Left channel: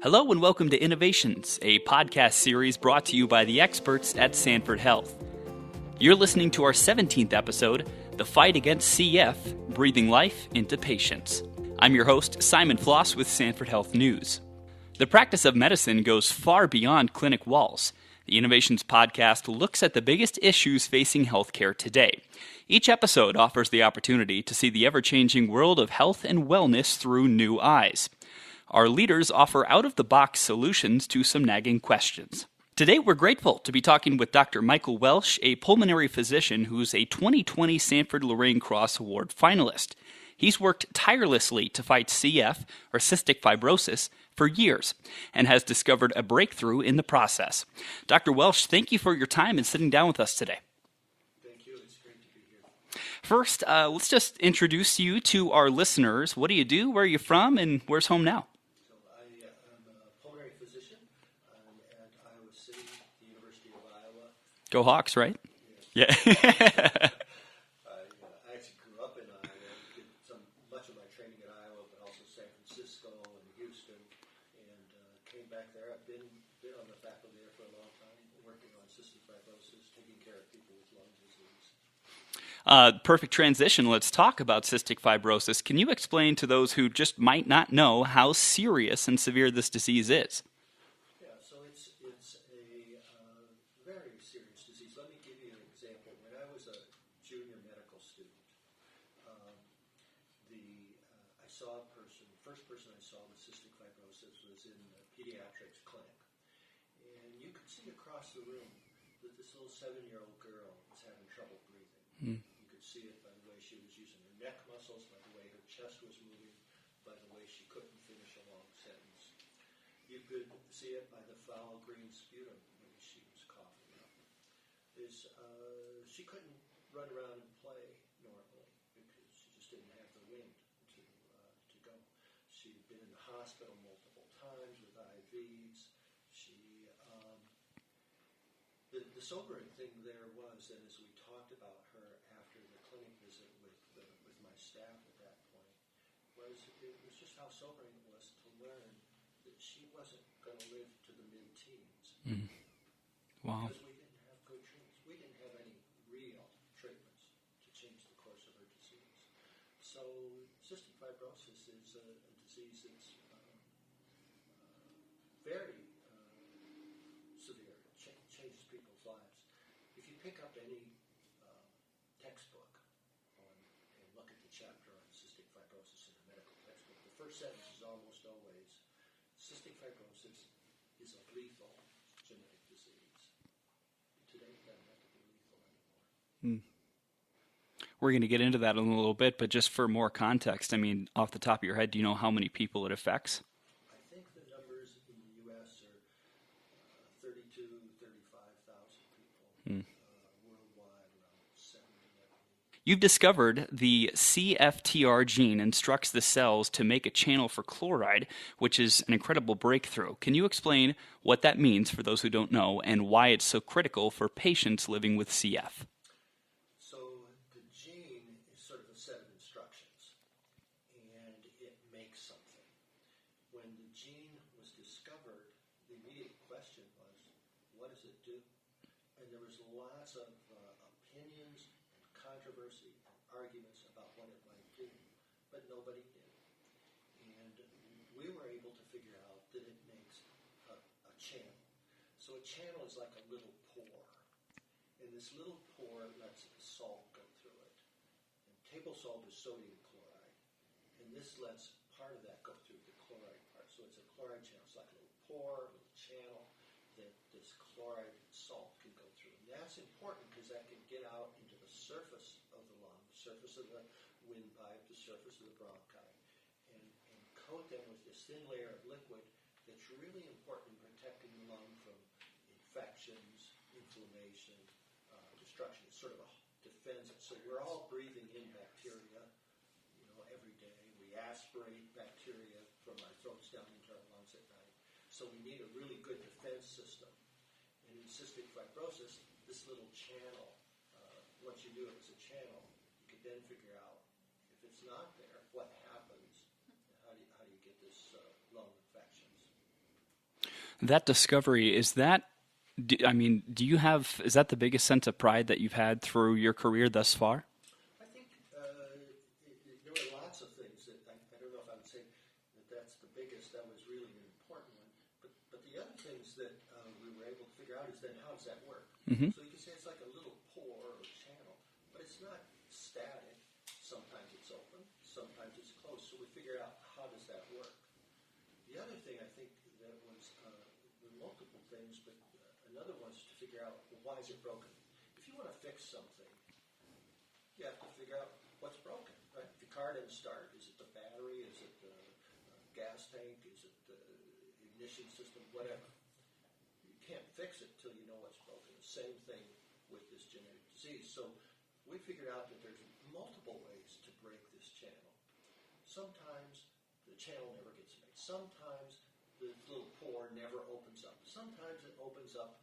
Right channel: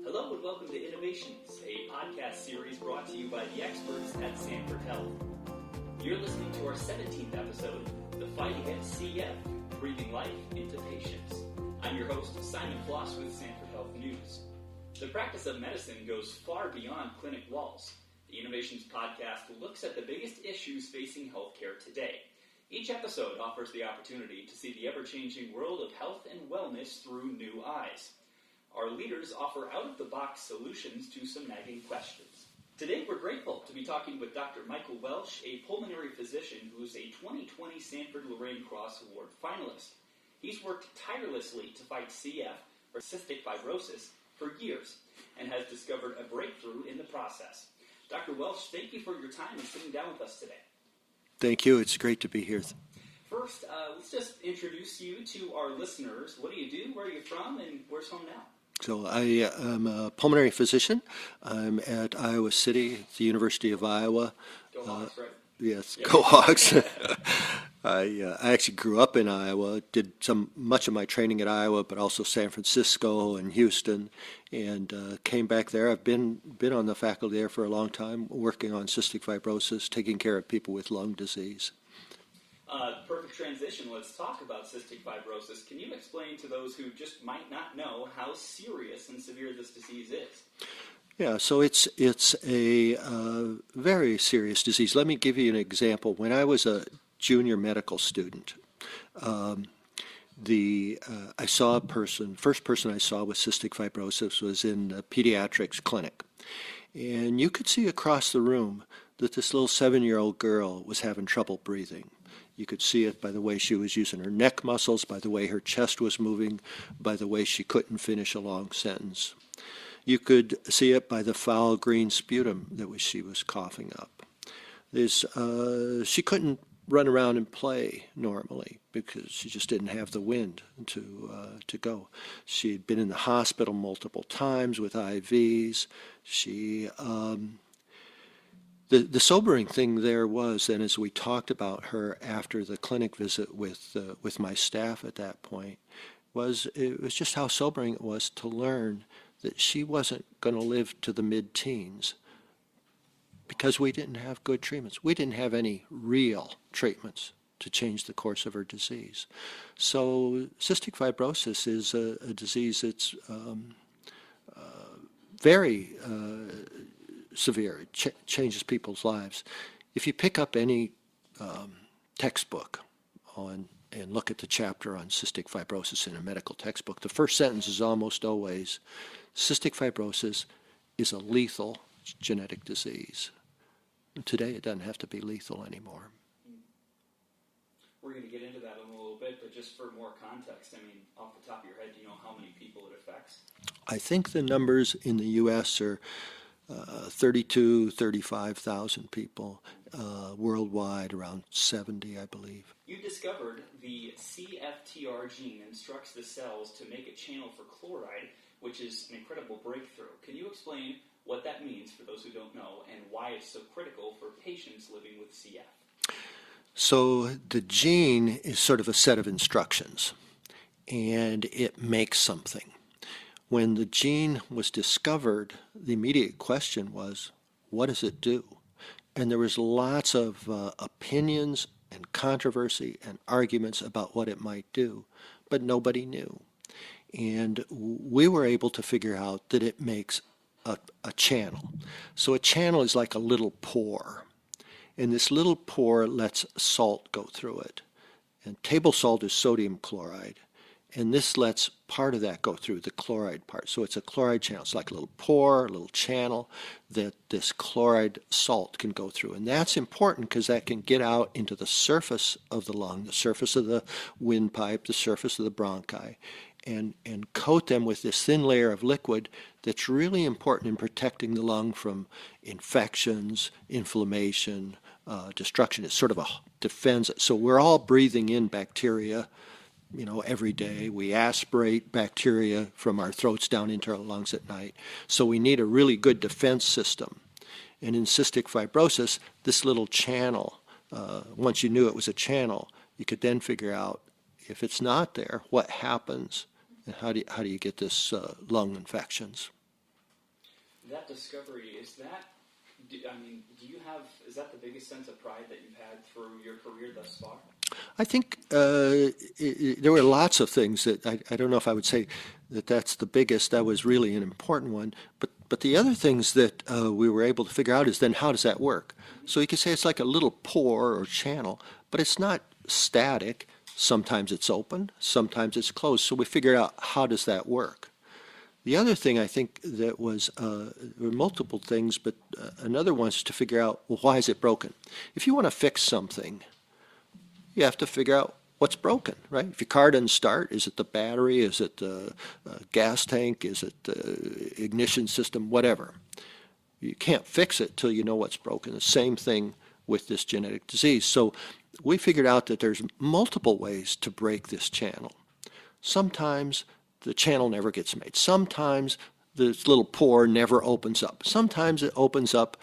Hello and welcome to Innovations, a podcast series brought to you by the experts at Sanford Health. You're listening to our 17th episode, The Fight Against CF, Breathing Life into Patients. I'm your host, Simon Floss with Sanford Health News. The practice of medicine goes far beyond clinic walls. The Innovations podcast looks at the biggest issues facing healthcare today. Each episode offers the opportunity to see the ever-changing world of health and wellness through new eyes. Our leaders offer out-of-the-box solutions to some nagging questions. Today, we're grateful to be talking with Dr. Michael Welsh, a pulmonary physician who's a 2020 Sanford Loraine Cross Award finalist. He's worked tirelessly to fight CF, or cystic fibrosis, for years, and has discovered a breakthrough in the process. Dr. Welsh, thank you for your time and sitting down with us today. Thank you. It's great to be here. First, let's just introduce you to our listeners. What do you do? Where are you from? And where's home now? So I am a pulmonary physician. I'm at Iowa City, the University of Iowa. Go Hawks, right? Yes, yeah. Go Hawks. I actually grew up in Iowa, did much of my training at Iowa, but also San Francisco and Houston, and came back there. I've been on the faculty there for a long time, working on cystic fibrosis, taking care of people with lung disease. Perfect transition. Let's talk about cystic fibrosis. Can you explain to those who just might not know how serious and severe this disease is? Yeah, so it's a very serious disease. Let me give you an example. When I was a junior medical student, I saw a person. First person I saw with cystic fibrosis was in the pediatrics clinic, and you could see across the room that this little 7-year-old girl was having trouble breathing. You could see it by the way she was using her neck muscles, by the way her chest was moving, by the way she couldn't finish a long sentence. You could see it by the foul green sputum that she was coughing up. She couldn't run around and play normally because she just didn't have the wind to go. She had been in the hospital multiple times with IVs. The sobering thing there was, and as we talked about her after the clinic visit with my staff at that point, it was just how sobering it was to learn that she wasn't going to live to the mid-teens. Wow. Because we didn't have good treatments. We didn't have any real treatments to change the course of her disease. So cystic fibrosis is a disease that's very severe. It changes people's lives. If you pick up any textbook and look at the chapter on cystic fibrosis in a medical textbook, the first sentence is almost always, cystic fibrosis is a lethal genetic disease. And today it doesn't have to be lethal anymore. We're going to get into that in a little bit, but just for more context, I mean, off the top of your head, do you know how many people it affects? I think the numbers in the U.S. are 35,000 people, worldwide around 70, I believe. You've discovered the CFTR gene instructs the cells to make a channel for chloride, which is an incredible breakthrough. Can you explain what that means for those who don't know and why it's so critical for patients living with CF? So the gene is sort of a set of instructions, and it makes something. When the gene was discovered, the immediate question was, what does it do? And there was lots of opinions and controversy and arguments about what it might do, but nobody knew. And we were able to figure out that it makes a channel. So a channel is like a little pore, and this little pore lets salt go through it. And table salt is sodium chloride. And this lets part of that go through, the chloride part. So it's a chloride channel. It's like a little pore, a little channel that this chloride salt can go through. And that's important because that can get out into the surface of the lung, the surface of the windpipe, the surface of the bronchi, and coat them with this thin layer of liquid that's really important in protecting the lung from infections, inflammation, destruction. It's sort of a defense. So we're all breathing in bacteria every day. We aspirate bacteria from our throats down into our lungs at night. So we need a really good defense system. And in cystic fibrosis, this little channel, once you knew it was a channel, you could then figure out if it's not there, what happens, and how do you get this lung infections. That discovery, is that, is that the biggest sense of pride that you've had through your career thus far? I think there were lots of things that I don't know if I would say that that's the biggest. That was really an important one. But the other things that we were able to figure out is then how does that work? So you could say it's like a little pore or channel, but it's not static. Sometimes it's open, sometimes it's closed. So we figured out how does that work. The other thing I think that was, there were multiple things, but another one is to figure out, well, why is it broken? If you want to fix something, you have to figure out what's broken, right? If your car doesn't start, is it the battery? Is it the gas tank? Is it the ignition system? Whatever. You can't fix it till you know what's broken. The same thing with this genetic disease. So we figured out that there's multiple ways to break this channel. Sometimes the channel never gets made. Sometimes this little pore never opens up. Sometimes it opens up,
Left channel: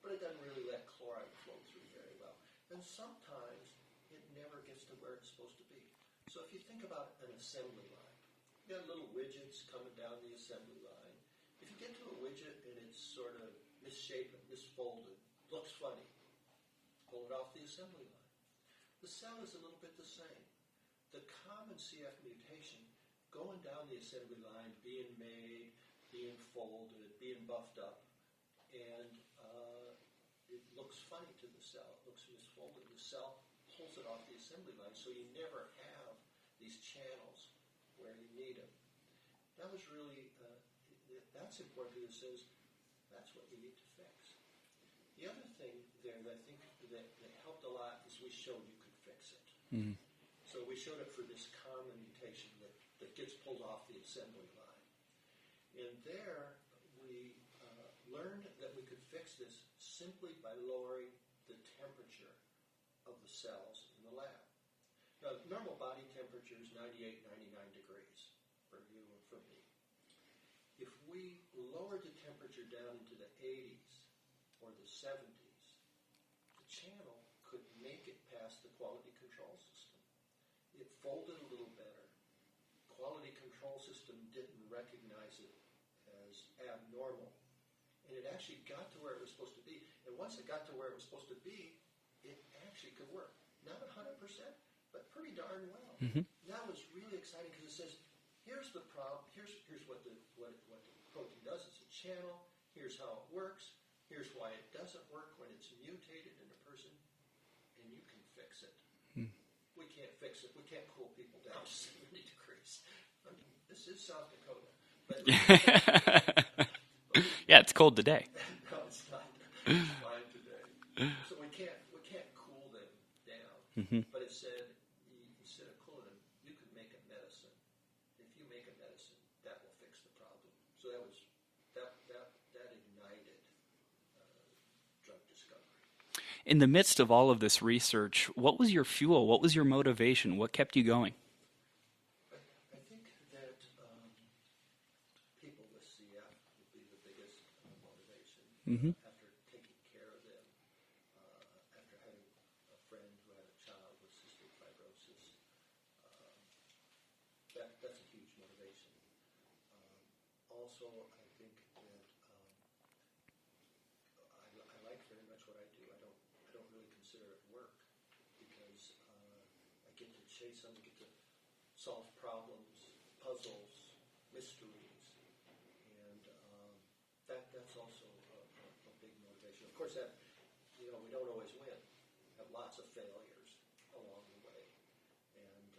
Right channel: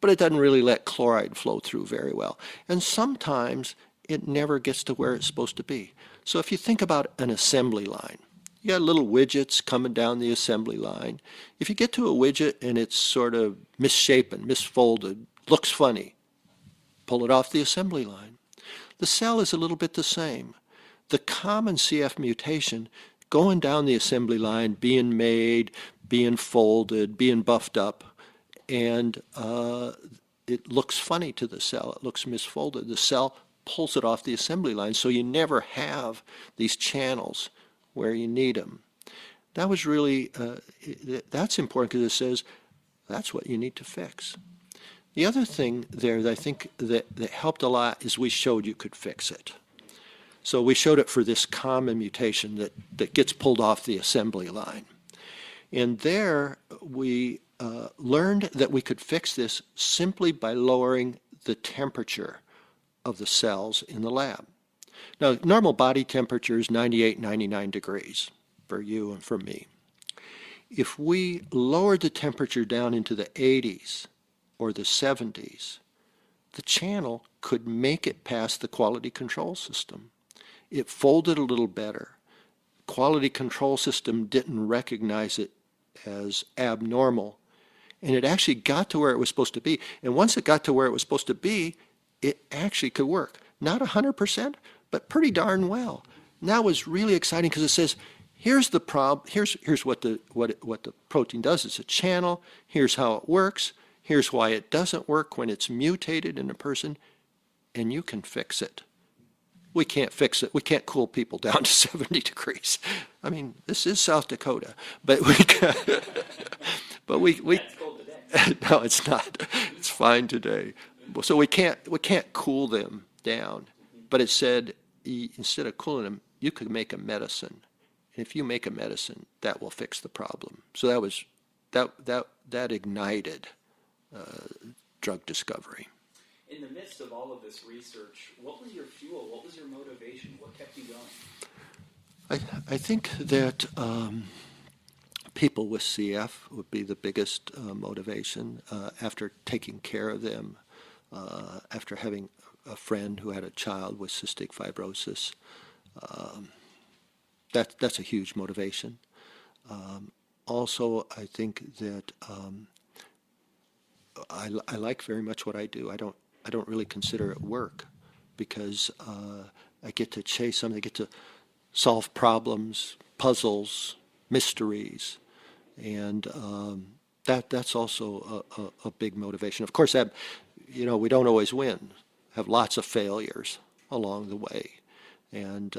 but it doesn't really let chloride flow through very well. And sometimes it never gets to where it's supposed to be. So if you think about an assembly line, you got little widgets coming down the assembly line. If you get to a widget and it's sort of misshapen, misfolded, looks funny, pull it off the assembly line. The cell is a little bit the same. The common CF mutation going down the assembly line, being made, being folded, being buffed up, and it looks funny to the cell. It looks misfolded. The cell pulls it off the assembly line, so you never have these channels where you need them. That was really, that's important because it says that's what you need to fix. The other thing there that I think that helped a lot is we showed you could fix it. So we showed it for this common mutation that gets pulled off the assembly line. And there we learned that we could fix this simply by lowering the temperature of the cells in the lab. Now, normal body temperature is 98, 99 degrees for you and for me. If we lowered the temperature down into the 80s or the 70s, the channel could make it past the quality control system. It folded a little better. Quality control system didn't recognize it as abnormal, and it actually got to where it was supposed to be. And once it got to where it was supposed to be, it actually could work. Not 100%, but pretty darn well. And that was really exciting because it says, here's the problem. Here's what the protein does. It's a channel. Here's how it works. Here's why it doesn't work when it's mutated in a person, and you can fix it. We can't fix it. We can't cool people down to 70 degrees. I mean, this is South Dakota, but we can, yeah, it's cold today. No, it's not. It's fine today. So we can't cool them down. But it said instead of cooling them, you could make a medicine. And if you make a medicine, that will fix the problem. So that ignited drug discovery. In the midst of all of this research, what was your fuel? What was your motivation? What kept you going? I think that people with CF would be the biggest motivation after taking care of them, after having a friend who had a child with cystic fibrosis. That's a huge motivation. Also, I think that I like very much what I do. I don't really consider it work because I get to chase something. I get to solve problems, puzzles, mysteries, and that's also a big motivation. Of course, we don't always win. Have lots of failures along the way, and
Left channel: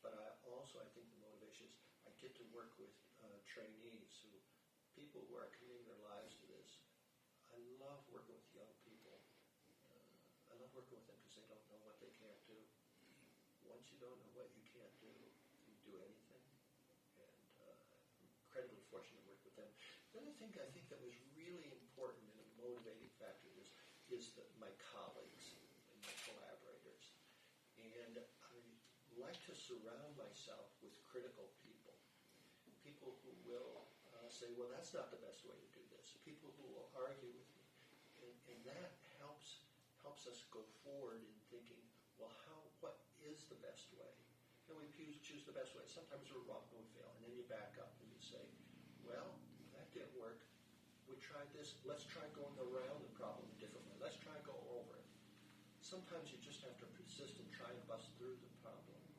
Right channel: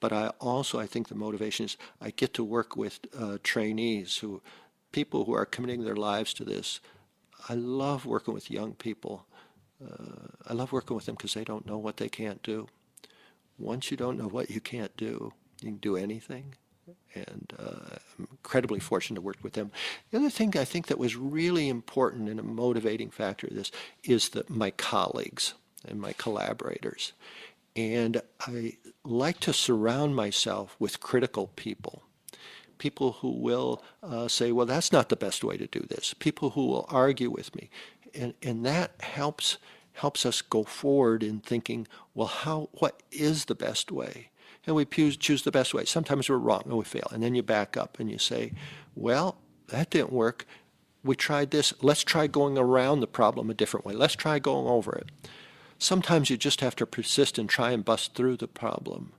but I think the motivation is I get to work with trainees people who are committing their lives to this. I love working with young people. I love working with them because they don't know what they can't do. Once you don't know what you can't do, you can do anything. And I'm incredibly fortunate to work with them. The other thing I think that was really important and a motivating factor of this is my colleagues and my collaborators. And I like to surround myself with critical people. People who will say, well, that's not the best way to do this. People who will argue with me. And that helps us go forward in thinking, well, what is the best way? And we choose the best way. Sometimes we're wrong and we fail. And then you back up and you say, well, that didn't work. we tried this. Let's try going around the problem a different way. Let's try going over it. Sometimes you just have to persist and try and bust through the problem.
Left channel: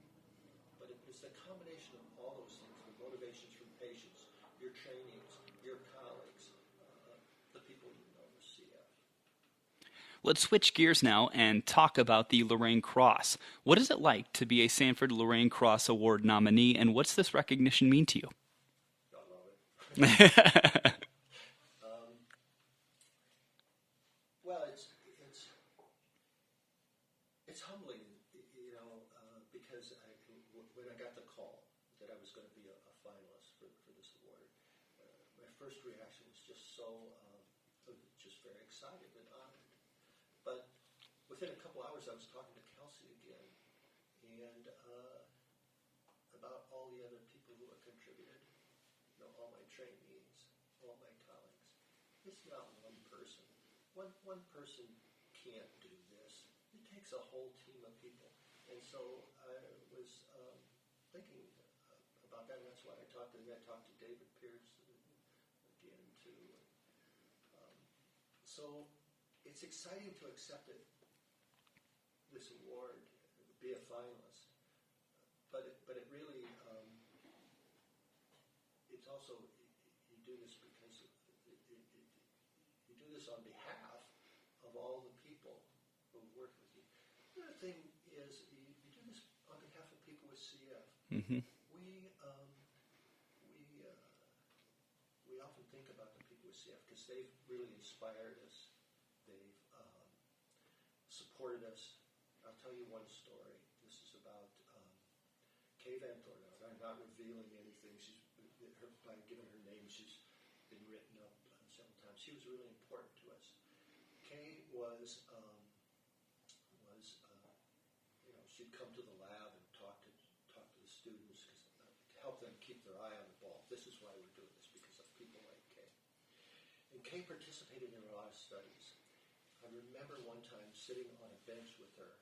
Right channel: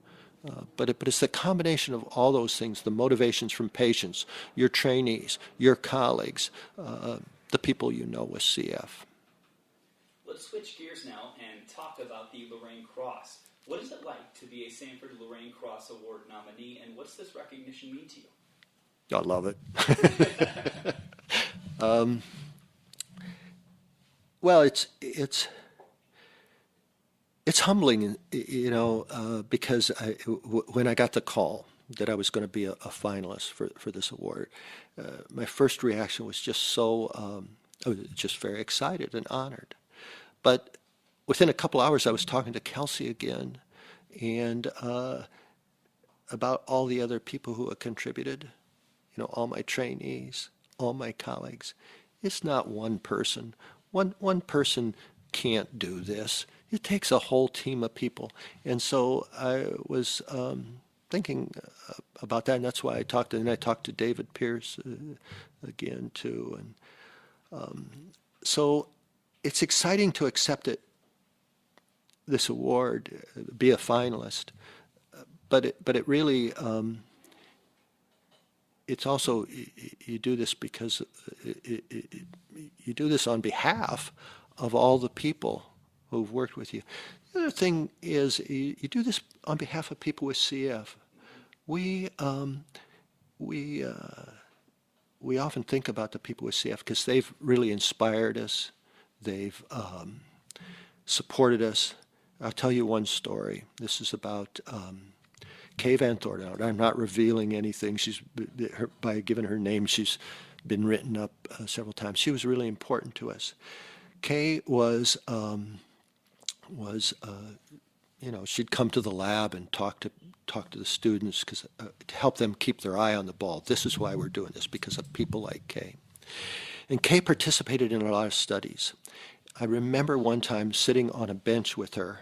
But it's the combination of all those things, the motivations from patients, your trainees, your colleagues, the people you know with CF. Let's switch gears now and talk about the Loraine Cross. What is it like to be a Sanford Loraine Cross Award nominee, and what's this recognition mean to you? I love it. Well, it's humbling, because when I got the call that I was going to be a finalist for this award, my first reaction was just I was just very excited and honored. But within a couple hours, I was talking to Kelsey again, and about all the other people who have contributed, all my trainees, all my colleagues. It's not one person. One person can't do this. It takes a whole team of people. And so I was thinking about that, and that's why I talked to David Pierce again too. And so it's exciting to accept this award, be a finalist, but it really it's also, you do this because you do this on behalf of all the people who've worked with you. The other thing is you do this on behalf of people with CF. Mm-hmm. We often think about the people with CF because they've really inspired us. They've supported us. I'll tell you one story. This is about Kay Van Thornton. I'm not revealing anything. By giving her name, she's been written up several times. She was really important to us. Kay was she'd come to the lab and talk to the students to help them keep their eye on the ball. This is why we're doing this, because of people like Kay. And Kay participated in a lot of studies. I remember one time sitting on a bench with her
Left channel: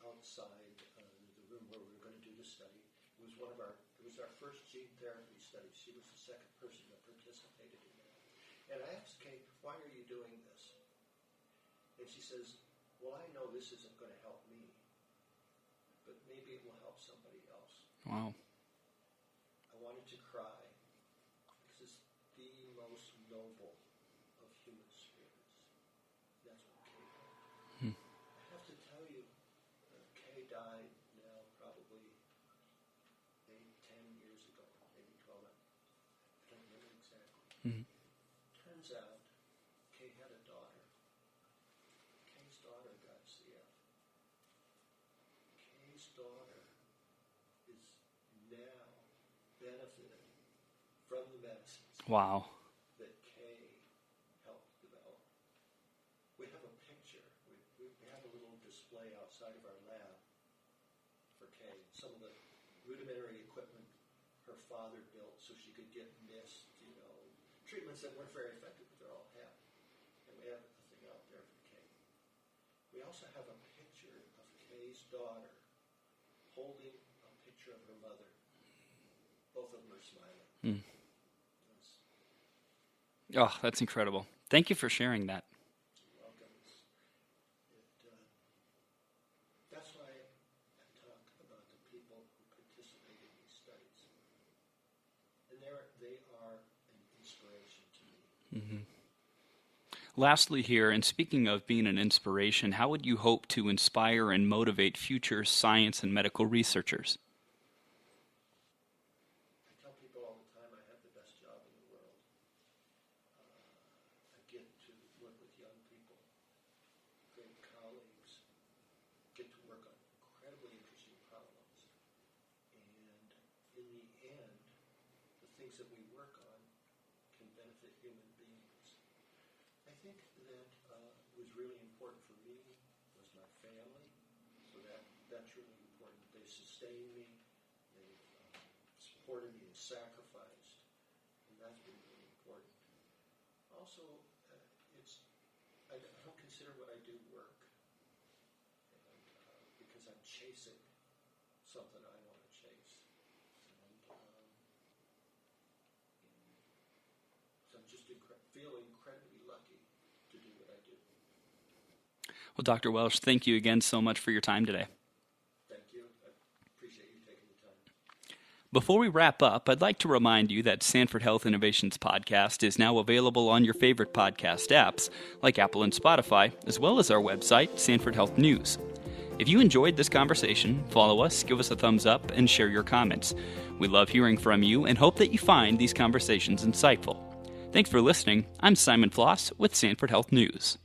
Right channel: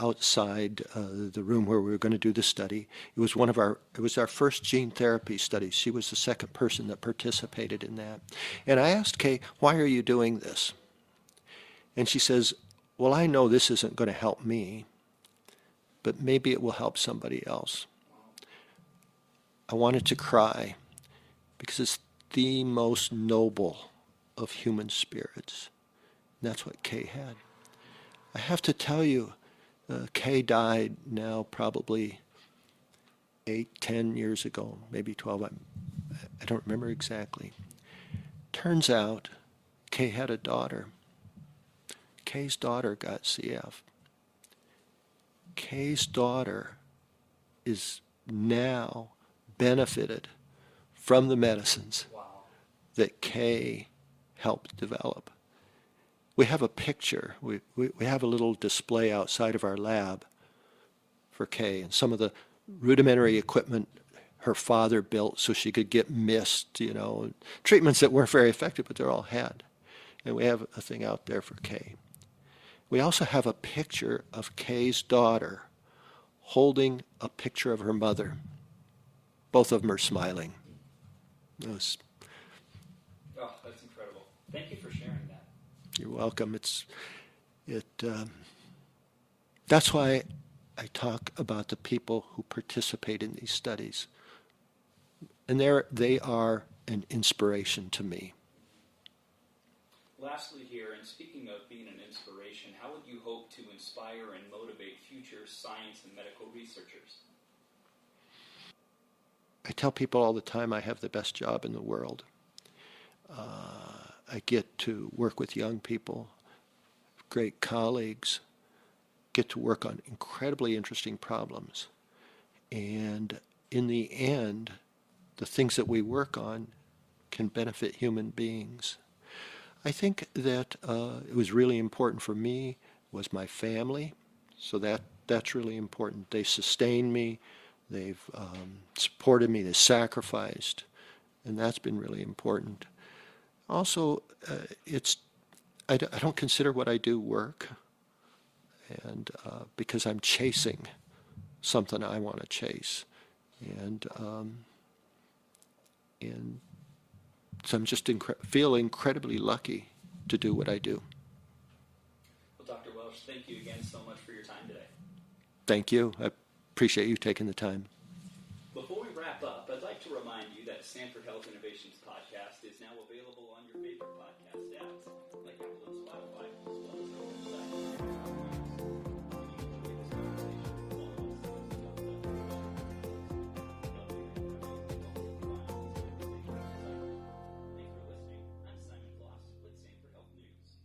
outside the room where we were going to do the study. It was our first gene therapy study. She was the second person that participated in that. And I asked Kay, "Why are you doing this?" And she says, "Well, I know this isn't going to help me, but maybe it will help somebody else." Wow. I wanted to cry because it's the most noble of human spirits. And that's what Kay had. I have to tell you, Kay died now probably 8-10 years ago, maybe 12. I don't remember exactly. Turns out Kay had a daughter. Kay's daughter got CF. Kay's daughter is now benefited from the medicines that Kay helped develop. We have a picture. We have a little display outside of our lab for Kay, and some of the rudimentary equipment her father built so she could get mist, treatments that weren't very effective, but they're all had. And we have a thing out there for Kay. We also have a picture of Kay's daughter holding a picture of her mother. Both of them are smiling. Oh, that's incredible. Thank you for sharing that. You're welcome. That's why I talk about the people who participate in these studies. And they are an inspiration to me. Mm-hmm. Lastly here, and speaking of being an inspiration, how would you hope to inspire and motivate future science and medical researchers? I tell people all the time I have the best job in the world. I get to work with young people, great colleagues, get to work on incredibly interesting problems. And in the end, the things that we work on can benefit human beings. I think that it was really important for me was my family, so that's really important. They sustained me, they've supported me, they sacrificed, and that's been really important. Also, I don't consider what I do work, and because I'm chasing something I want to chase, and So I'm just feel incredibly lucky to do what I do. Well, Dr. Welsh, thank you again so much for your time today. Thank you. I appreciate you taking the time. Before we wrap up, I'd like to remind you that Sanford Health Innovations podcast is now available on your favorite podcast apps, like Apple and Spotify, as well as our website, Sanford Health News. If you enjoyed this conversation, follow us, give us a thumbs up, and share your comments. We love hearing from you and hope that you find these conversations insightful. Thanks for listening. I'm Simon Floss with Sanford Health News.